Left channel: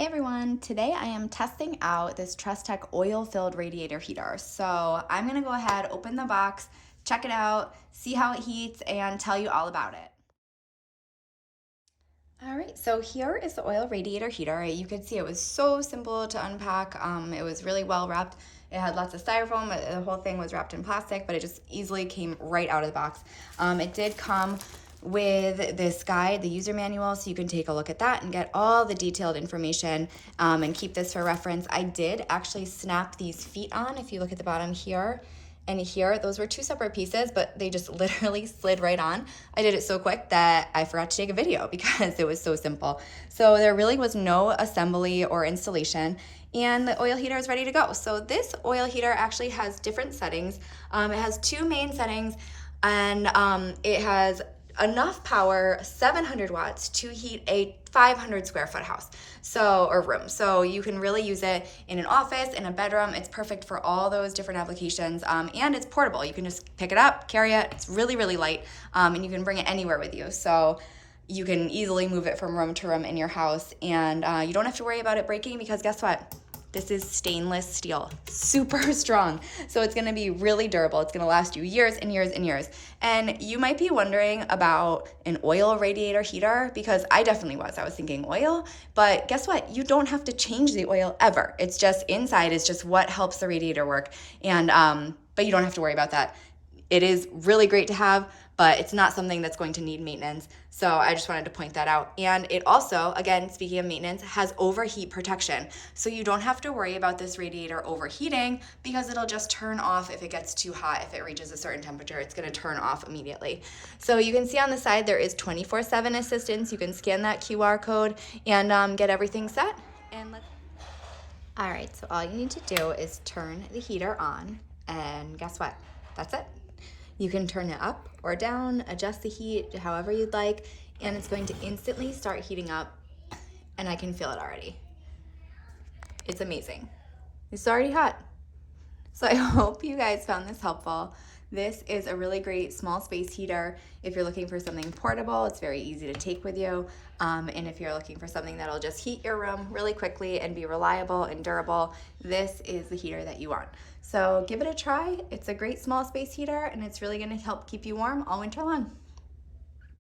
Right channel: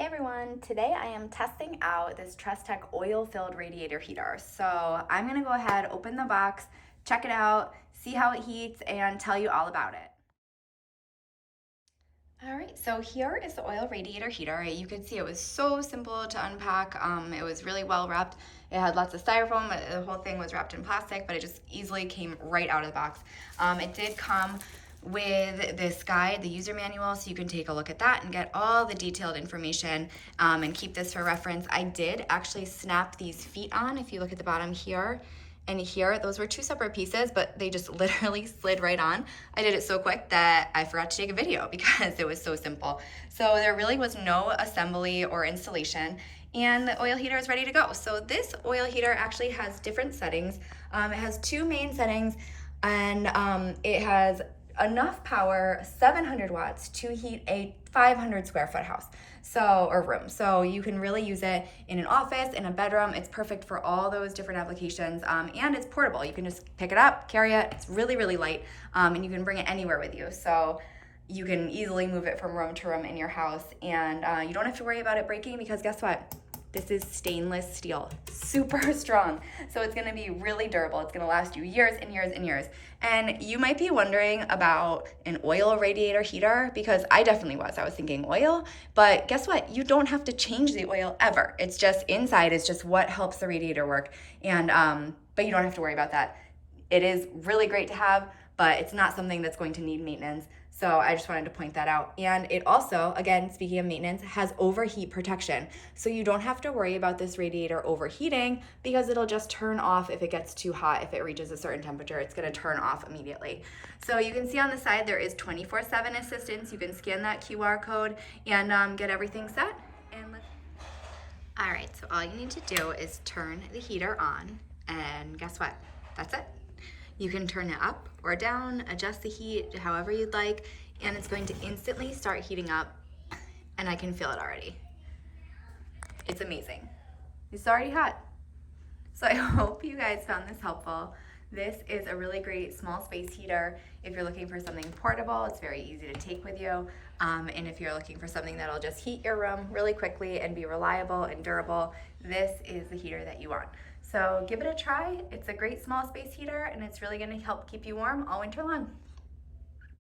Hey everyone, today I am testing out this Trustech oil-filled radiator heater. So I'm gonna go ahead, open the box, check it out, see how it heats, and tell you all about it. All right, so here is the oil radiator heater. You can see it was so simple to unpack. It was really well wrapped. It had lots of styrofoam. The whole thing was wrapped in plastic, but it just easily came right out of the box. It did come with this guide, the user manual, so you can take a look at that and get all the detailed information and keep this for reference. I did actually snap these feet on. If you look at the bottom here and here, those were two separate pieces, but they just literally slid right on. I did it so quick that I forgot to take a video because it was so simple. So there really was no assembly or installation, and the oil heater is ready to go. So this oil heater actually has different settings. It has two main settings, and it has enough power, 700 watts, to heat a 500 square foot house, or room. So you can really use it in an office, in a bedroom. It's perfect for all those different applications, and it's portable. You can just pick it up, carry it. It's really, really light, and you can bring it anywhere with you. So you can easily move it from room to room in your house, and you don't have to worry about it breaking because guess what? This is stainless steel, super strong. So it's gonna be really durable. It's gonna last you years and years and years. And you might be wondering about an oil radiator heater, because I definitely was. I was thinking oil, but guess what? You don't have to change the oil ever. It's just inside, it's just what helps the radiator work. And but you don't have to worry about that. It is really great to have, but it's not something that's going to need maintenance. So I just wanted to point that out. And it also, again, speaking of maintenance, has overheat protection. So you don't have to worry about this radiator overheating because it'll just turn off if it gets too hot. If it reaches a certain temperature, it's gonna turn off immediately. So you can see on the side, there is 24/7 assistance. You can scan that QR code and get everything set. All right, so all you need to do is turn the heater on, and guess what? That's it. You can turn it up or down, adjust the heat however you'd like, and it's going to instantly start heating up, and I can feel it already. It's amazing. It's already hot. So I hope you guys found this helpful. This is a really great small space heater. If you're looking for something portable, it's very easy to take with you. And if you're looking for something that'll just heat your room really quickly and be reliable and durable, this is the heater that you want. So give it a try. It's a great small space heater, and it's really gonna help keep you warm all winter long.